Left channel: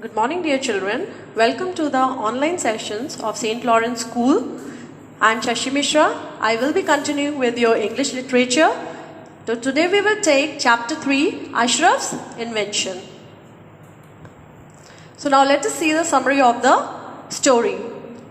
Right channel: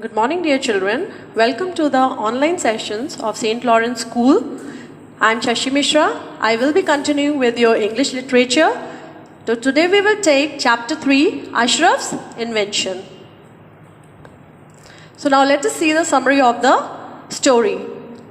Good morning, dear children. Welcome to the online sessions of St. Lawrence School. I am Shashi Mishra. I will be continuing with your English literature. So today we will take chapter 3, Ashraf's Invention. So now let us see the summary of the story.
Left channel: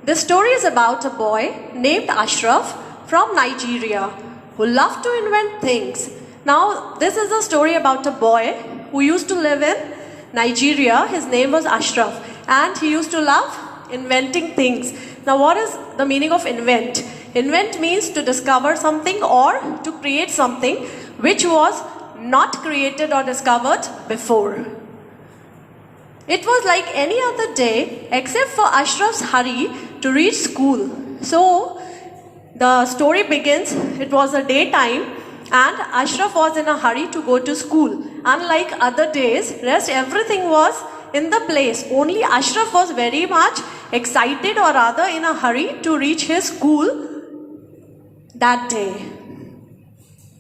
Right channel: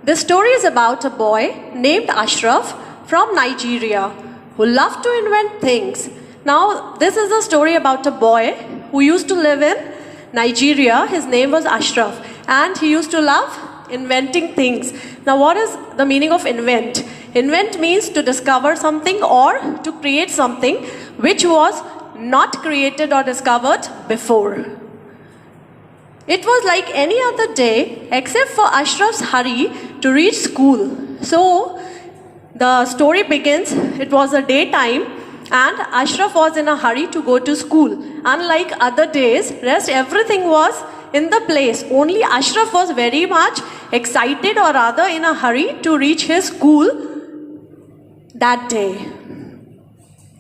The story is about a boy named Ashraf from Nigeria who loved to invent things. Now this is a story about a boy who used to live in Nigeria. His name was Ashraf and he used to love inventing things. Now what is the meaning of invent? Invent means to discover something or to create something which was not created or discovered before. It was like any other day except for Ashraf's hurry to reach school. So the story begins. It was a daytime and Ashraf was in a hurry to go to school. Unlike other days, rest everything was in the place. Only Ashraf was very much excited, or rather in a hurry to reach his school that day.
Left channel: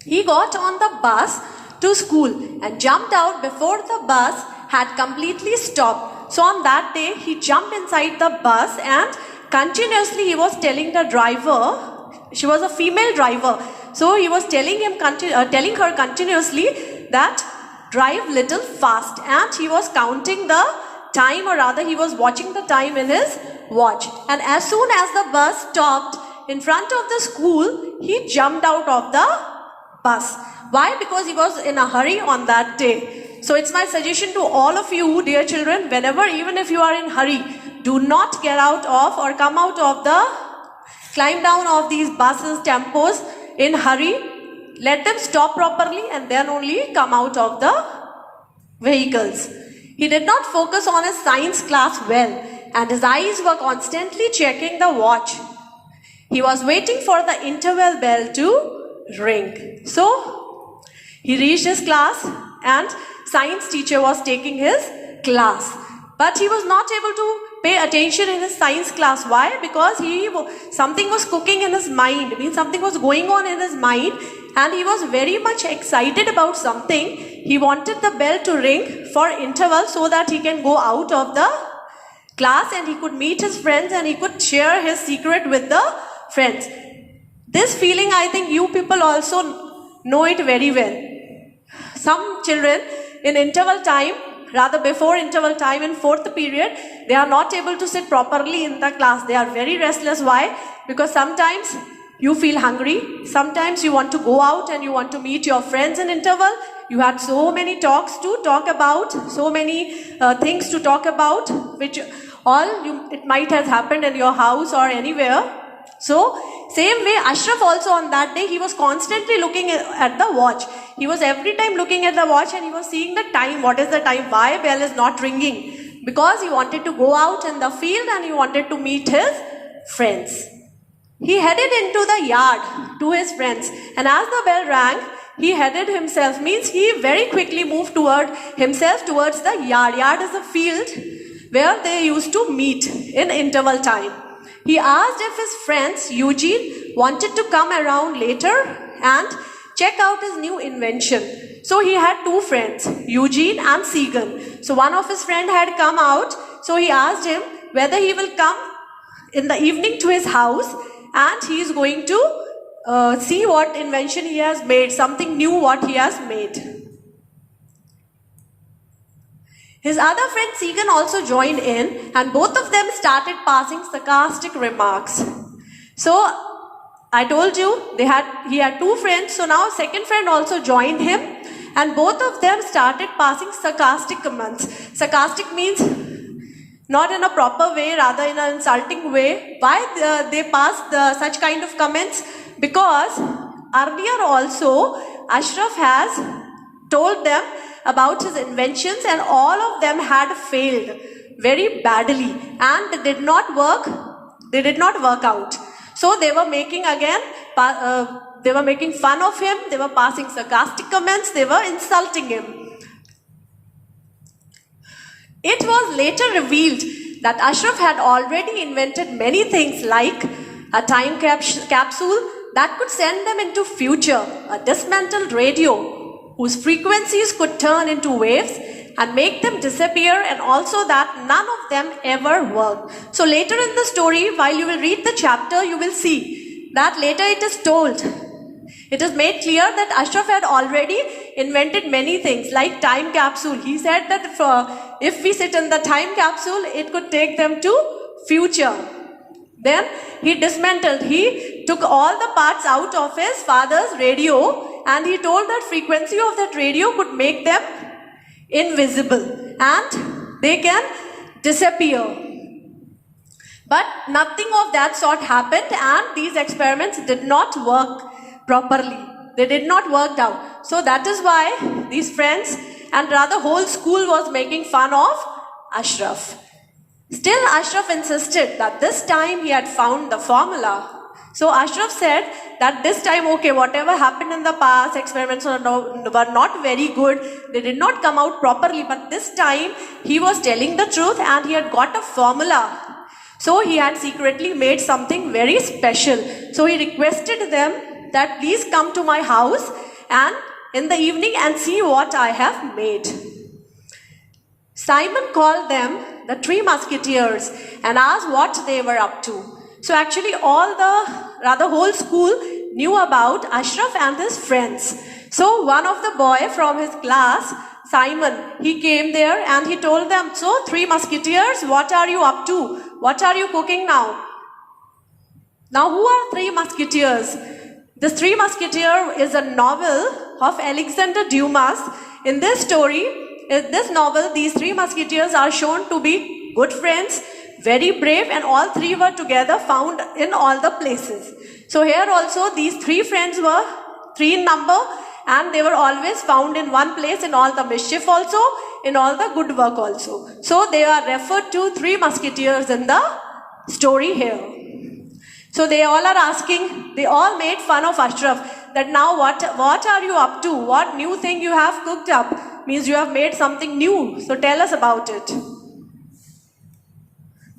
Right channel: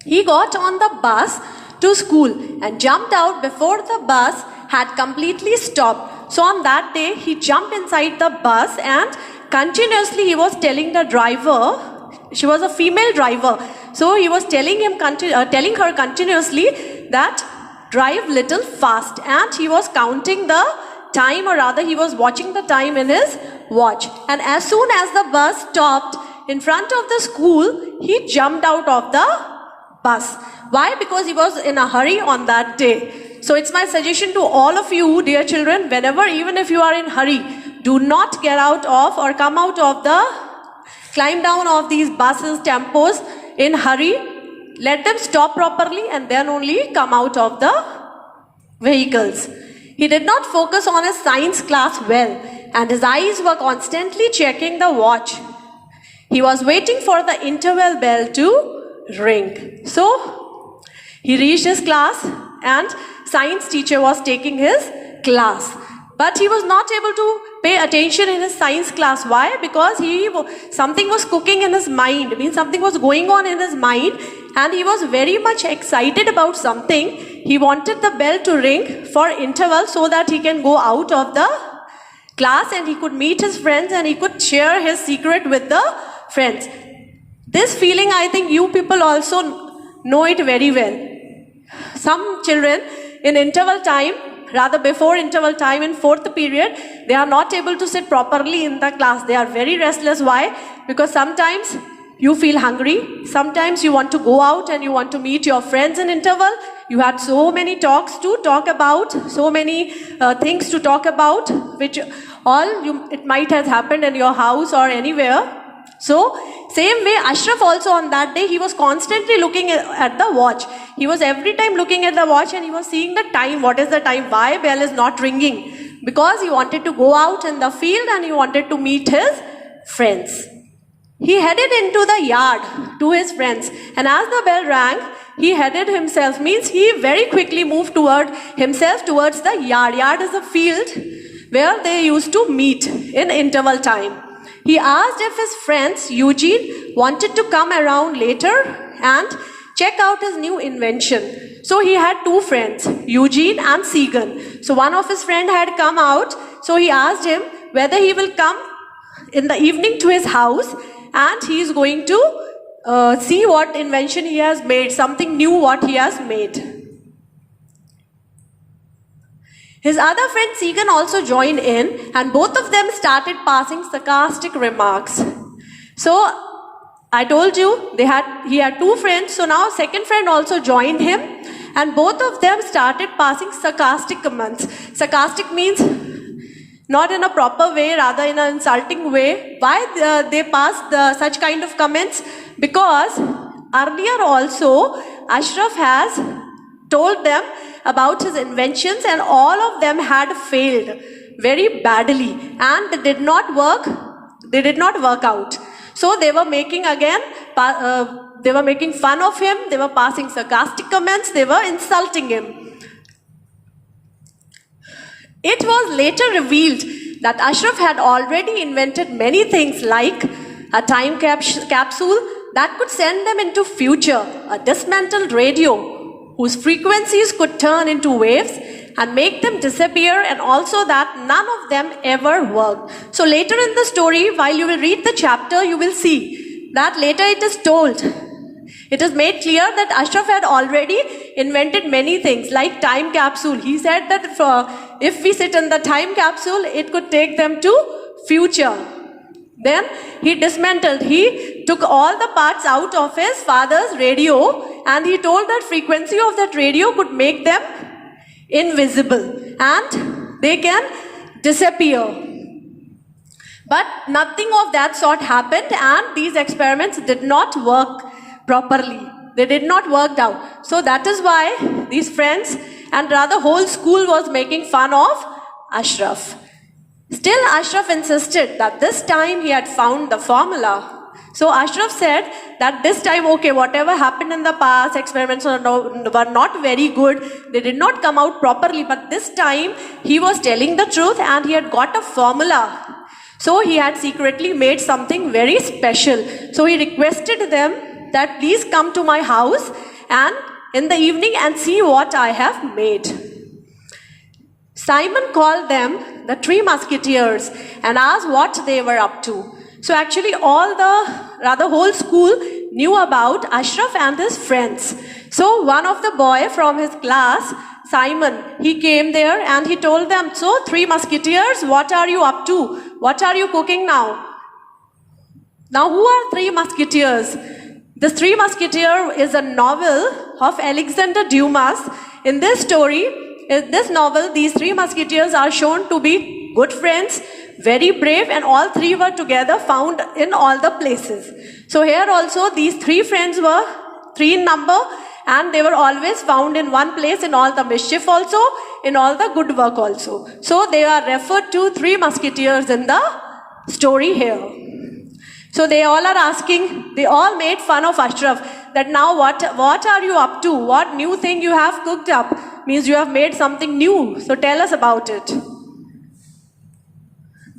He got on the bus to school and jumped out before the bus had completely stopped. So on that day, he jumped inside the bus and continuously he was telling the driver, she was a female driver, so he was telling her continuously that drive little fast, and he was counting the time, or rather he was watching the time in his watch. And as soon as the bus stopped in front of the school, he jumped out of the bus. Why? Because he was in a hurry on that day. So it's my suggestion to all of you, dear children, whenever, even if you are in hurry, do not get out of or come out of climb down of these buses, tempos in hurry. Let them stop properly and then only come out of the vehicles. He did not focus on his science class well, and his eyes were constantly checking the watch. He was waiting for the interval bell to ring. So he reached his class and science teacher was taking his class. But he was not able to pay attention in his science class. Why? Because something was cooking in his mind. Means something was going on in his mind and he was very much excited about something. He wanted the bell to ring for interval so that he can go out of the class and he could meet his friends and he could share his secret with the friends. This feeling, I think you people also know it very well. Some children in interval time, rather before interval time in fourth period, they are not able to sit properly in the class. They are very restless. Why? Because sometimes you feel hungry. Sometimes you want to go out and you want to meet your friends in interval. You had so many talks to talk about, so many things to talk about, which it might have happened in your house or anywhere. So, same way, Ashraf also on that day, he was constantly looking at the watch. He was every time looking at the watch and he was seeing the time. What is the time? Why bell is not ringing? Because he wanted to go out in the field and he wanted to meet his friends. He headed into the yard to his friends, and as the bell rang, he headed himself, means he very quickly moved towards the yard. Yard is a field where they used to meet in interval time. He asked if his friends, Eugene, wanted to come around later and check out his new invention. So he had two friends, Eugene and Segan. So one of his friends had come out. So he asked him whether he will come in the evening to his house and he is going to see what invention he has made, something new what he has made. His other friend Segan also joined in and both of them started passing sarcastic remarks. So I told you he had two friends, so now second friend also joined him and both of them started passing sarcastic comments. Sarcastic means not in a proper way, rather in an insulting way. Why they passed such kind of comments? Because earlier also Ashraf has told them about his inventions and all of them had failed very badly and they did not work out. So they were making fun of him, they were passing sarcastic comments, they were insulting him. It was later revealed that Ashraf had already invented many things like a time capsule that could send them into future, a dismantled radio whose frequencies could turn into waves, and make them disappear, and also that none of them ever worked. So later in the story, while you will read the chapter, you will see that later it is told, it is made clear that Ashraf had already invented many things like time capsule. He said that if we sit in the time capsule, it could take them to future. Then he dismantled, he took all the parts out of his father's radio, and he told that frequency of that radio could make them invisible and they can disappear. But nothing of that sort happened, and these experiments did not work properly. They did not work out. So that is why these friends and rather whole school was making fun of Ashraf. Still, Ashraf insisted that this time he had found the formula. So Ashraf said that this time, okay, whatever happened in the past, experiments were not very good. They did not come out properly. But this time he was telling the truth and he had got a formula. So he had secretly made something very special. So he requested them that please come to my house and in the evening and see what I have made. Simon called them the Three Musketeers and asked what they were up to. So actually whole school knew about Ashraf and his friends. So one of the boy from his class, Simon, he came there and he told them, so Three Musketeers, what are you up to? What are you cooking now? Now who are Three Musketeers? The Three Musketeers is a novel of Alexander Dumas. In this story, in this novel, these Three Musketeers are shown to be good friends, very brave, and all three were together found in all the places. So here also these three friends were three in number, and they were always found in one place in all the mischief also, in all the good work also. So they are referred to Three Musketeers in the story here. So they all are asking, they all made fun of Ashraf that now what are you up to? What new thing you have cooked up? Means you have made something new. So tell us about it.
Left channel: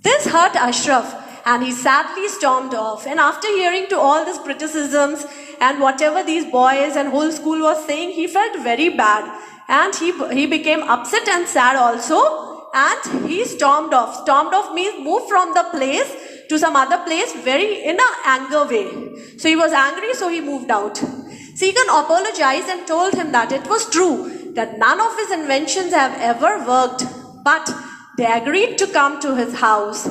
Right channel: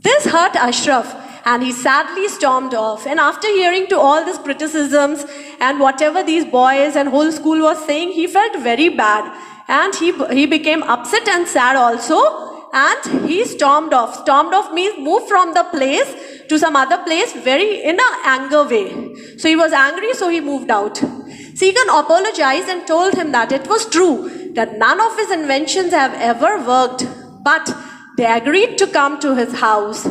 This hurt Ashraf and he sadly stormed off. And after hearing to all these criticisms and whatever these boys and whole school was saying, he felt very bad. And he became upset and sad also. And he stormed off. Stormed off means moved from the place to some other place very in an anger way. So he was angry, so he moved out. Segan apologized and told him that it was true that none of his inventions have ever worked, but they agreed to come to his house.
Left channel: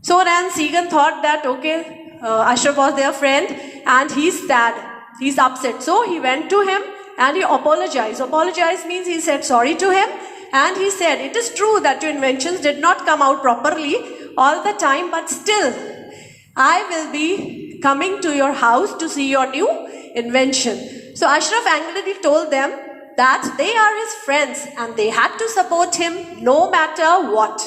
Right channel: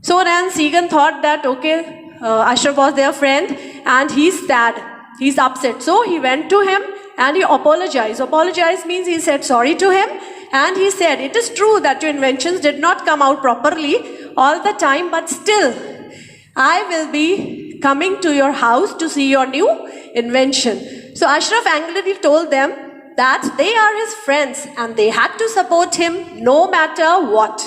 So then Segan thought that okay, Ashraf was their friend and he's sad, he's upset. So he went to him and he apologized. Apologize means he said sorry to him. And he said, it is true that your inventions did not come out properly all the time, but still, I will be coming to your house to see your new invention. So Ashraf angrily told them that they are his friends and they had to support him no matter what.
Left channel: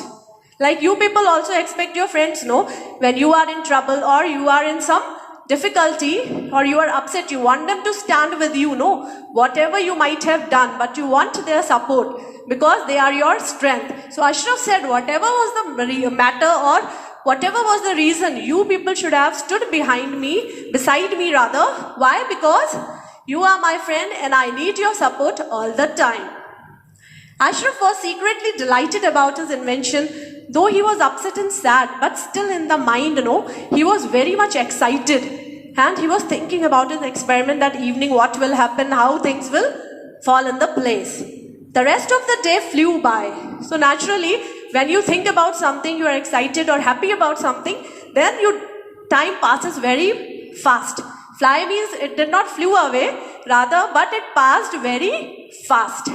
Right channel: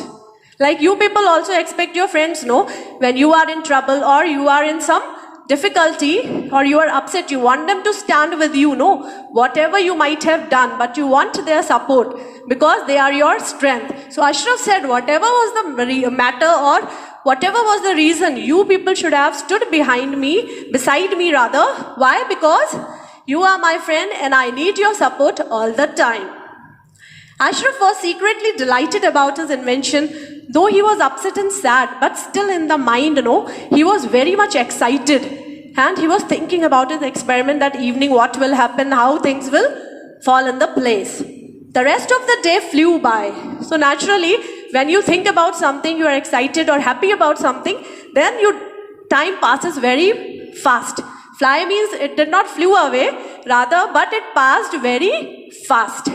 Like you people also expect your friends, no? When you are in trouble or you are in some difficulty or you are upset, you want them to stand with you, no? Whatever you might have done, but you want their support because they are your strength. So Ashraf said whatever was the matter or whatever was the reason, you people should have stood behind me, beside me rather. Why? Because you are my friend and I need your support all the time. Ashraf was secretly delighted about his invention, though he was upset and sad, but still in the mind, he was very much excited. And he was thinking about his experiment that evening, what will happen, how things will fall in the place. The rest of the day flew by. So naturally, when you think about something, you are excited or happy about something, then time passes very fast. Fly means it did not flew away, rather, but it passed very fast.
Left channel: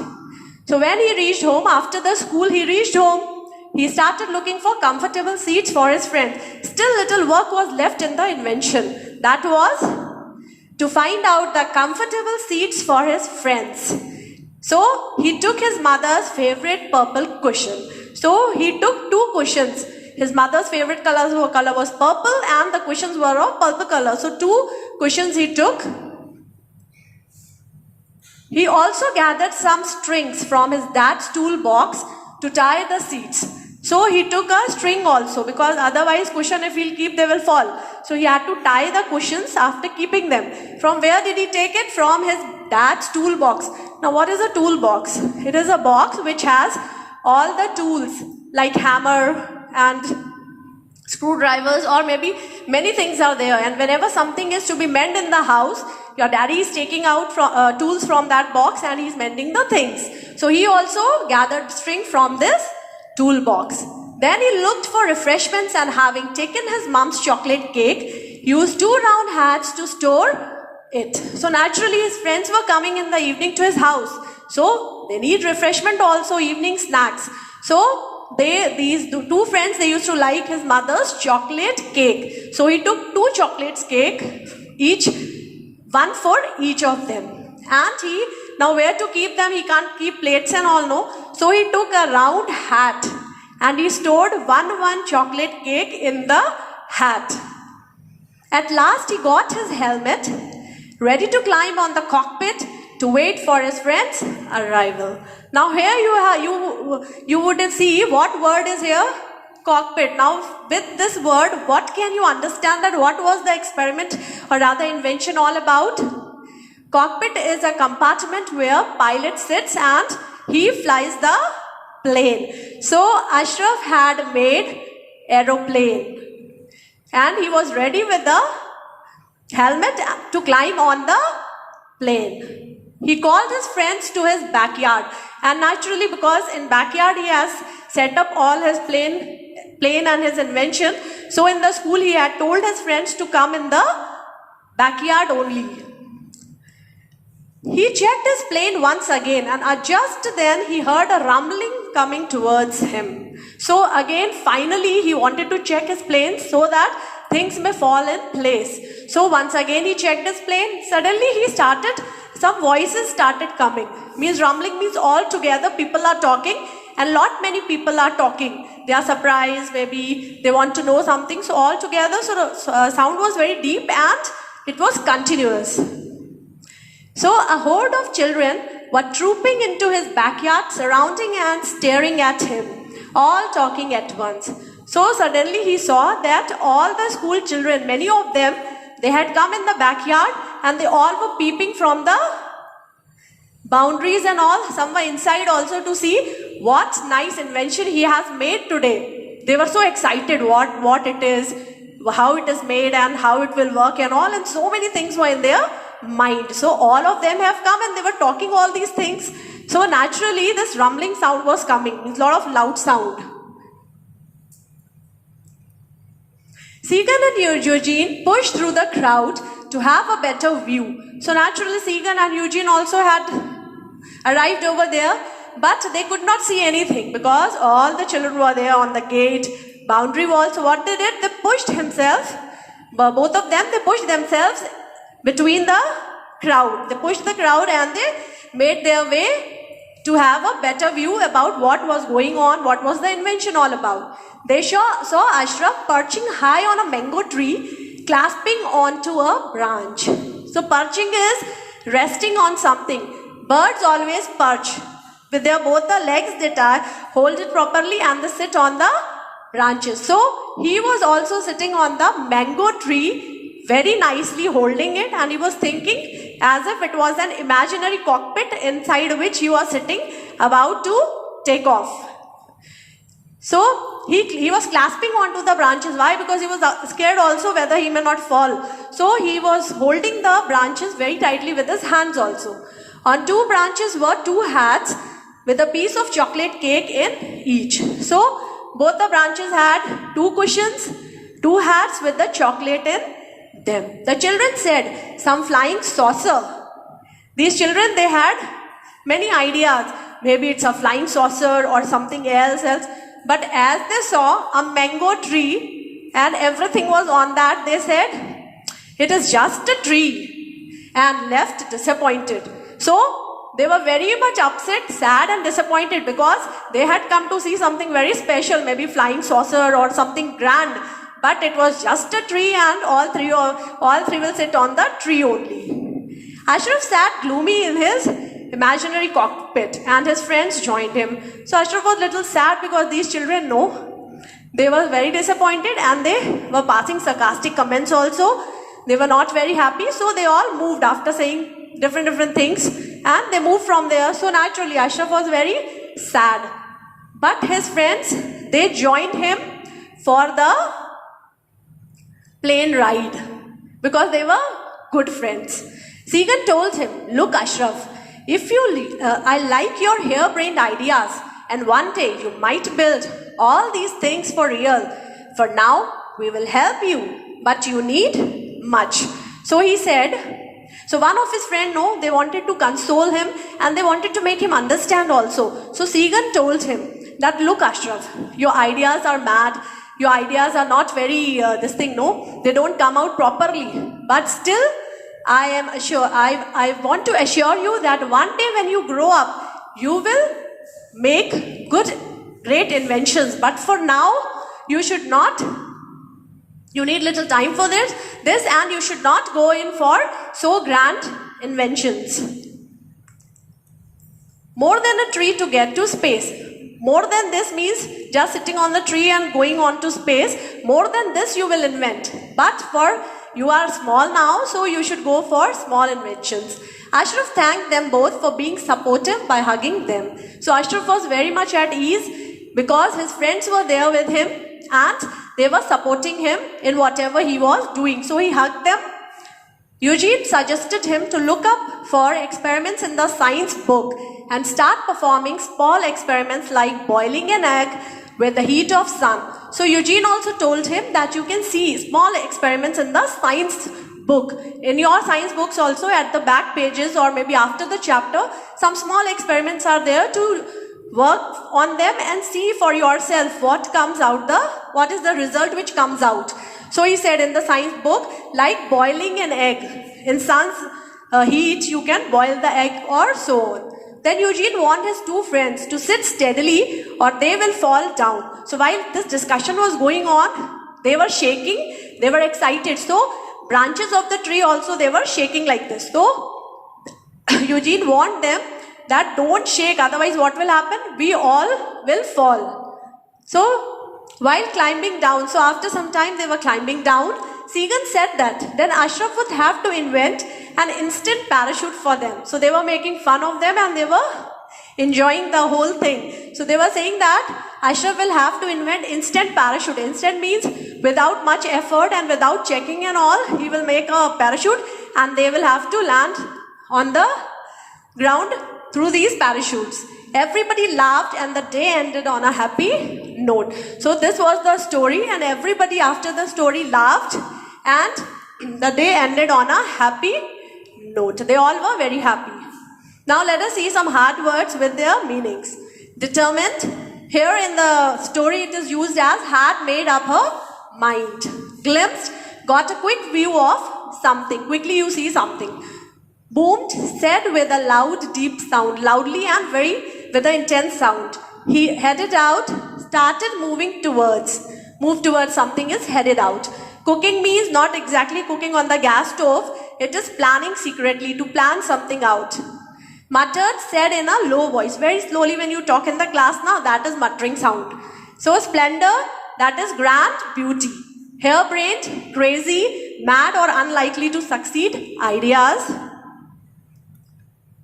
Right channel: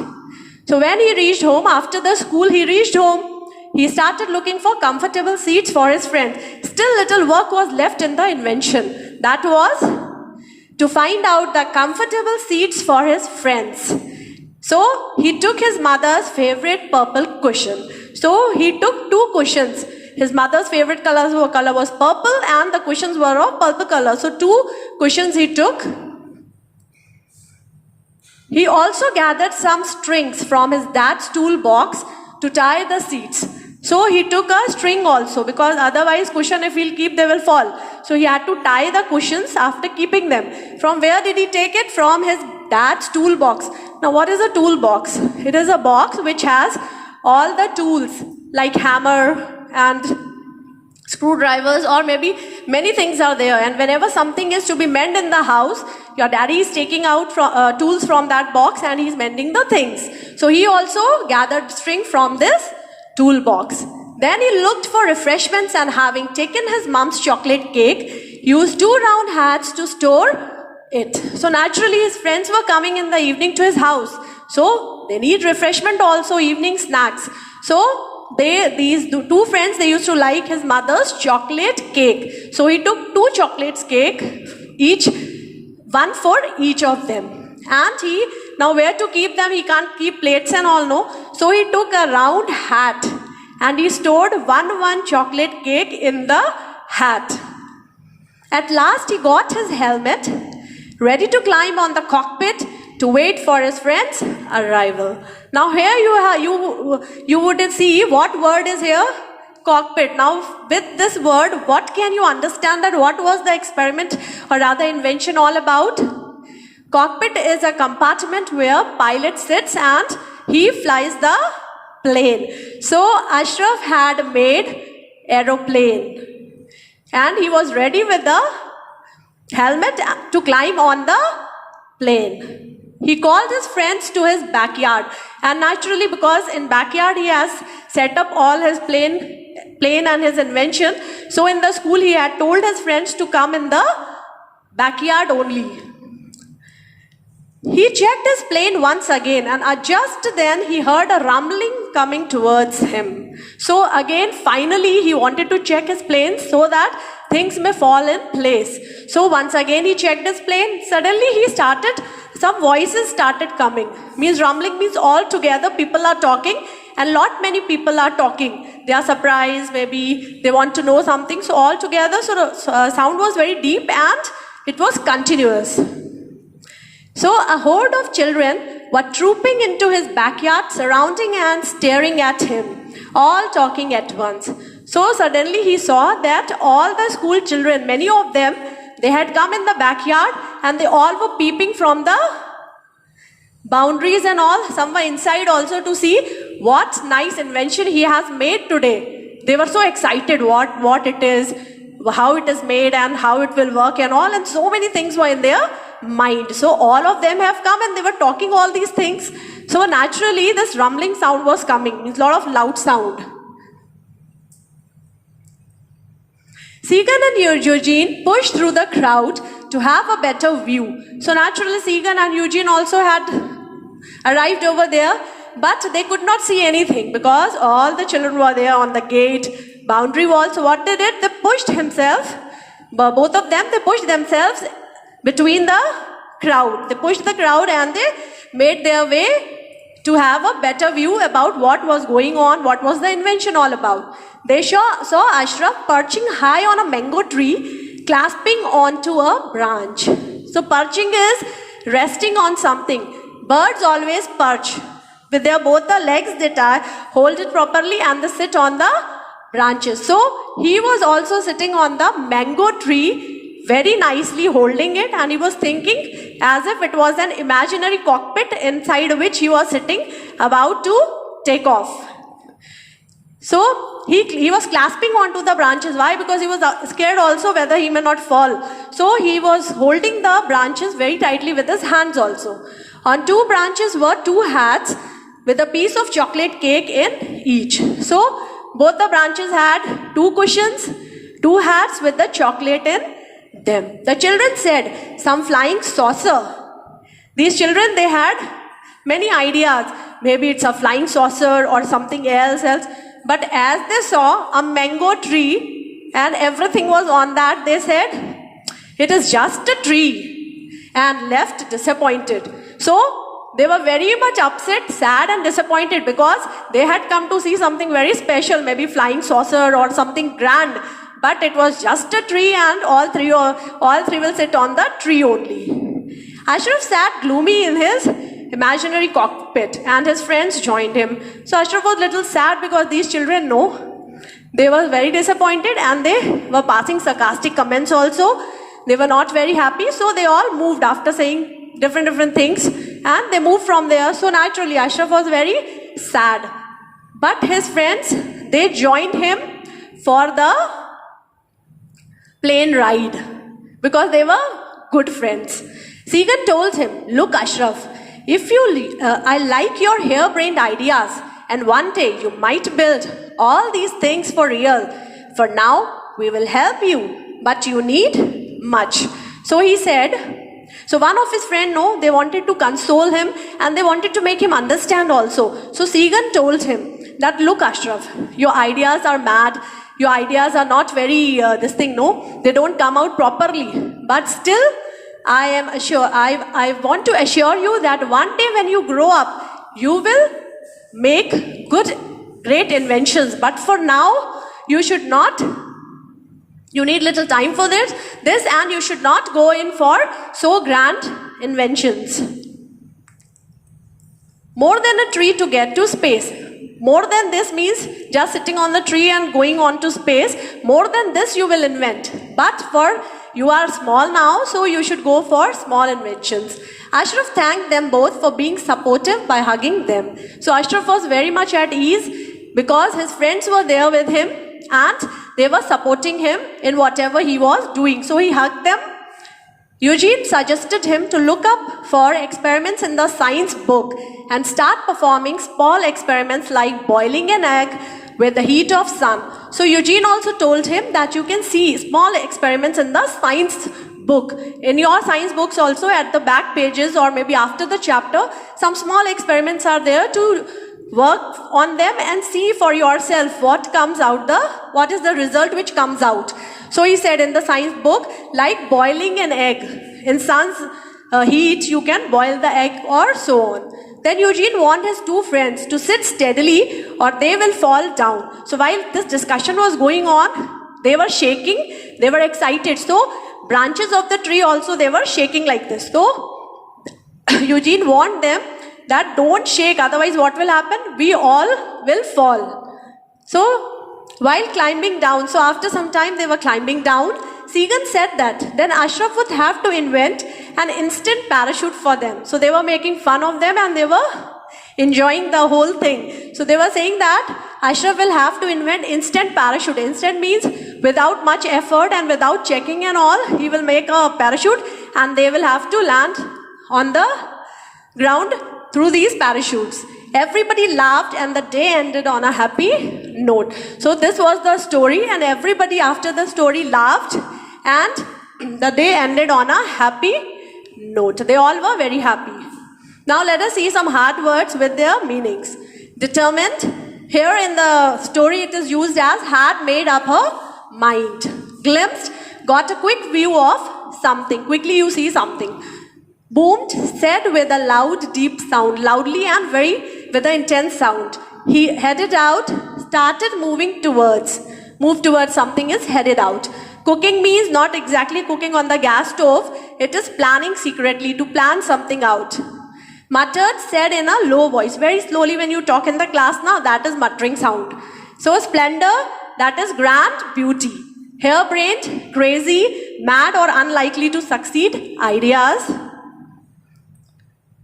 So when he reached home, after the school, he started looking for comfortable seats for his friends. Still little work was left in the invention. That was to find out the comfortable seats for his friends. So he took his mother's favorite purple cushion. So he took 2 cushions. His mother's favorite color was purple and the cushions were of purple color. So 2 cushions he took. He also gathered some strings from his dad's toolbox to tie the seats. So he took a string also, because otherwise cushion if he'll keep, they will fall. So he had to tie the cushions after keeping them. From where did he take it? From his dad's toolbox. Now what is a toolbox? It is a box which has all the tools like hammer and screwdrivers, or maybe many things are there. And whenever something is to be mended in the house, your daddy is taking out tools from that box and he's mending the things. So he also gathered string from this toolbox. Then he looked for refreshments, and having taken his mom's chocolate cake, used 2 round hats to store it. So naturally his friends were coming in the evening to his house. So they need refreshment also, evening snacks. So these 2 friends, they used to like his mother's chocolate cake. So he took 2 chocolates cake, each one for each of them. And now where to keep them? He can't keep plates and all, no. So he took a round hat and he stored one chocolate cake in the hat. At last he got his helmet, ready to climb on the cockpit to wait for his friend's arrival. Now here you would see what word is here? Cockpit. Now with this word, what can you understand that what was the experiment or rather invention all about? Cockpit is a compartment where pilot sits and he flies the plane. So Ashraf had made aeroplane and he was ready with the helmet to climb on the plane. He called his friends to his backyard, and naturally because in backyard he has set up all his plane and his invention. So in the school he had told his friends to come in the backyard only. He checked his plane once again, and just then he heard a rumbling coming towards him. So again, finally he wanted to check his plane so that things may fall in place. So once again he checked his plane. Suddenly some voices started coming. Means rumbling means all together people are talking, and many people are talking. They are surprised, maybe they want to know something. So all together, so the sound was very deep and it was continuous. So a horde of children were trooping into his backyard, surrounding and staring at him, all talking at once. So suddenly he saw that all the school children, many of them, they had come in the backyard and they all were peeping from the boundaries and all. Some were inside also to see what nice invention he has made today. They were so excited what it is, how it is made and how it will work and all, and so many things were in their mind. So all of them have come and they were talking all these things. So naturally this rumbling sound was coming, means a lot of loud sound. Segan and Eugene pushed through the crowd to have a better view. So naturally Segan and Eugene also had arrived over there, but they could not see anything because all the children were there on the gate, boundary wall. So what they did, they pushed both of them, they pushed themselves between the crowd. They pushed the crowd and they made their way to have a better view about what was going on, what was the invention all about. They saw Ashraf perching high on a mango tree, clasping onto a branch. So perching is resting on something. Birds always perch. With both the legs, they hold it properly and they sit on the branches. So he was also sitting on the mango tree, very nicely holding it, and he was thinking as if it was an imaginary cockpit inside which he was sitting about to take off. So he was clasping onto the branches. Why? Because he was scared also whether he may not fall. So he was holding the branches very tightly with his hands also. On 2 branches were 2 hats with a piece of chocolate cake in each. So both the branches had 2 cushions, 2 hats with the chocolate in them. The children said, some flying saucer. These children, they had many ideas. Maybe it's a flying saucer or something else. But as they saw a mango tree and everything was on that, they said, it is just a tree, and left disappointed. So they were very much upset, sad and disappointed because they had come to see something very special, maybe flying saucer or something grand. But it was just a tree and all three will sit on the tree only. Ashraf sat gloomy in his imaginary cockpit, and his friends joined him. So Ashraf was a little sad because these children know. They were very disappointed and they were passing sarcastic comments also. They were not very happy, so they all moved after saying different things, and they moved from there. So naturally Ashraf was very sad. But his friends, they joined him for the plane ride because they were good friends. Segan told him, "Look, Ashraf, if you I like your harebrained ideas, and one day you might build all these things for real. For now, we will help you, but you need much." So he said, so one of his friends, no, they wanted to console him and they wanted to make him understand also. So Segan told him that, "Look, Ashraf, your ideas are mad. Your ideas are not very, no, they don't come out properly. But still, I want to assure you that one day when you grow up, you will make great inventions. But for now, you should not. You need little time for this, and you should not go in for so grand inventions. More than a tree to get to space. More than this means just sitting on the tree and going on to space. More than this you will invent. But you are small now, so you should go for small inventions." Ashraf thanked them both for being supportive by hugging them. So Ashraf was very much at ease because his friends were there with him and they were supporting him in whatever he was doing. So he hugged them. Eugene suggested him to look up for experiments in the science book and start performing small experiments like boiling an egg with the heat of sun. So Eugene also told him that you can see small experiments in the science book. In your science books also, at the back pages or maybe after the chapter, some small experiments are there to work on them and see for yourself what is the result which comes out. So he said in the science book, like boiling an egg. In sun's heat, you can boil the egg or so on. Then Eugene warned his two friends to sit steadily or they will fall down. So while this discussion was going on, they were shaking, they were excited. So branches of the tree also, they were shaking like this. So Eugene warned them that don't shake, otherwise what will happen? We all will fall. So while climbing down, so after some time they were climbing down, Segan said that then Ashraf would have to invent an instant parachute for them. So they were making fun of them and they were enjoying the whole thing. So they were saying that Ashraf will have to invent instant parachute. Instant means without much effort and without checking and all, he will make a parachute and they will have to land on the ground through these parachutes. Everybody laughed and the day ended on a happy note. So this was the story and everybody after the story laughed and the day ended on a happy note. They all were very happy. Now let us see some hard words with their meanings. Determined. Here in the story it is used as had made up her mind. Glimpsed. Got a quick view of something. Quickly you see something. Boomed, said with a loud, deep sound, loudly and with an intense sound. He headed out, started moving towards. Move towards something is headed out. Cooking means not exactly cooking on the gas stove. It is planning secretly, to plan something out. Muttered, said in a low voice. Very slowly when you talk in the class now, that is muttering sound. So splendor, that is grand beauty. Harebrained, crazy, mad or unlikely to succeed, ideas.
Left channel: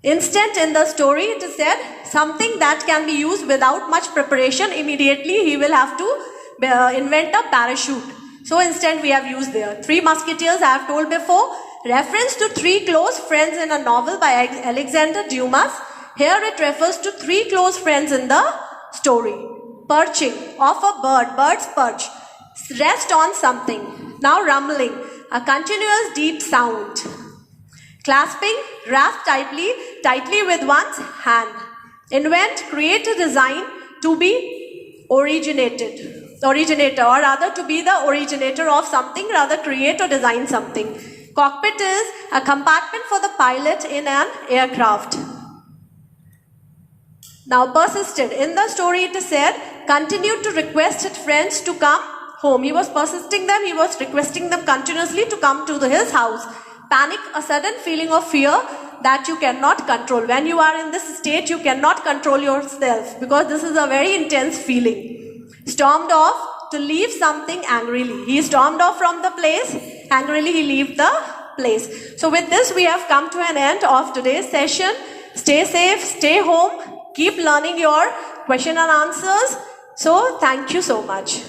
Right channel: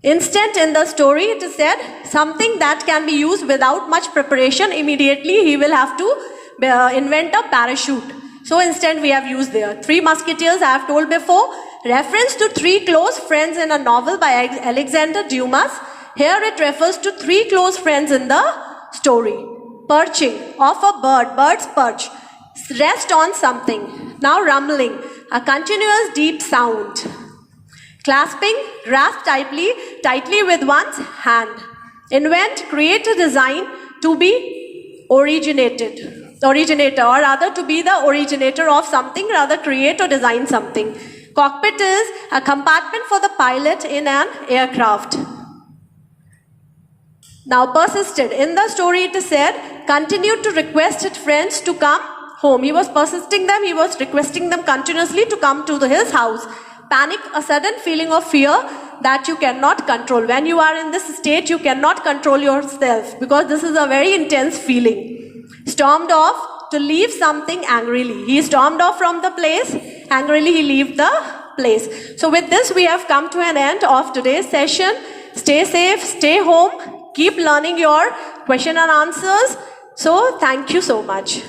Instant in the story, it is said something that can be used without much preparation. Immediately he will have to invent a parachute. So instant we have used there. Three Musketeers I have told before. Reference to three close friends in a novel by Alexander Dumas. Here it refers to three close friends in the story. Perching, of a bird, bird's perch. Rest on something. Now rumbling, a continuous deep sound. Clasping, grasp tightly with one's hand. Invent, create a design, to be originator, or rather to be the originator of something, rather create or design something. Cockpit is a compartment for the pilot in an aircraft. Now persisted. In the story it is said, continued to request his friends to come home. He was persisting them, he was requesting them continuously to come to his house. Panic, a sudden feeling of fear that you cannot control. When you are in this state, you cannot control yourself because this is a very intense feeling. Stormed off to leave something angrily. He stormed off from the place. Angrily, he left the place. So with this, we have come to an end of today's session. Stay safe, stay home, keep learning your question and answers. So thank you so much.